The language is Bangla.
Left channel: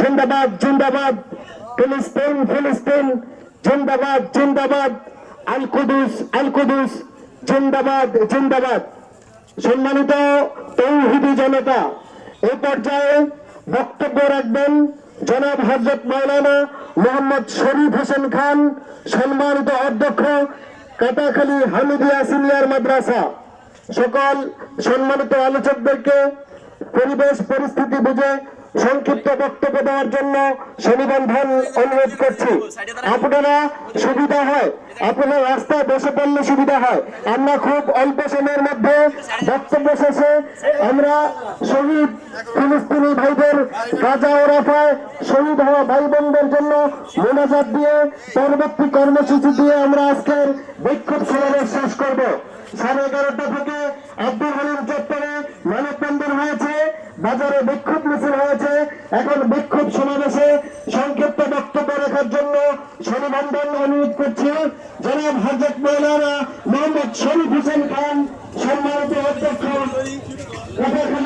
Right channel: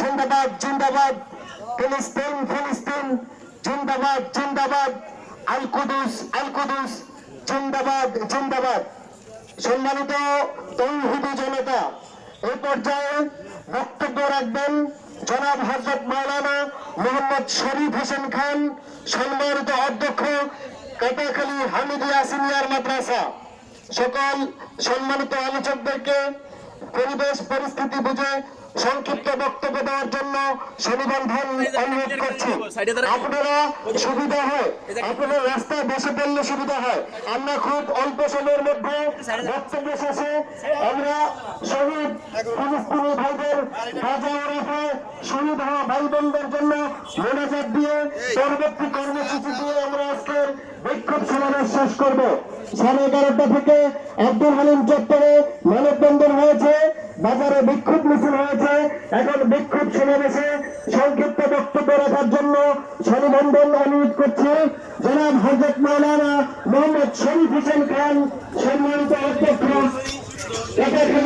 জিন্দাবাদ জিন্দাবাদ। ফিলিস্তিন ফিলিস্তিন। জিন্দাবাদ জিন্দাবাদ। আল কুদুস জিন্দাবাদ জিন্দাবাদ। সম্মানিত তৌহিদি জনতা এই পর্যায়ে বক্তব্য রাখবেন জনাব হজরত মাওলানা মোহাম্মদ শরীফ হোসেন খান, সম্মানিত অধ্যক্ষ কাটাখালী হামিদিয়া সিনিয়র মাদ্রাসা। সকল সম্মানিত আলোচকদেরকে পরিবেশ, পরিস্থিতি বুঝে সংক্ষিপ্ত বক্তব্য দেওয়ার জন্য সুনিবন্ধন অনুরোধ করছি। আপনারা সুবিধা হয়, আপনারা রাস্তায় বসে পড়লে সুবিধা হয়। আমরা খুব অল্প সময়ের মধ্যে বক্তব্য শেষে আমরা শহীদ ফিলিস্তিনি ভাইদের গাজা রাফায় শহীদ হওয়া ভাই বোনদের জন্য মোনাজাত দিয়ে পরবর্তী কর্মসূচি দিয়ে আমরা আজকের বিক্ষোভ সমাবেশ শেষ করব। সাড়ে এগারোটা থেকে আব্দুল হালিম চত্বরে বাজারে বিক্ষোভ মিছিল হয়েছে। এখন বিক্ষোভ সমাবেশে সংক্ষিপ্ত বক্তব্য রাখার জন্য সনিবন্ধন অনুরোধ করছি। জনাব হজরত মৌলানা মোহাম্মদ শরীফ হোসেন খান, সম্মানিত অধ্যক্ষ ঠিক আছে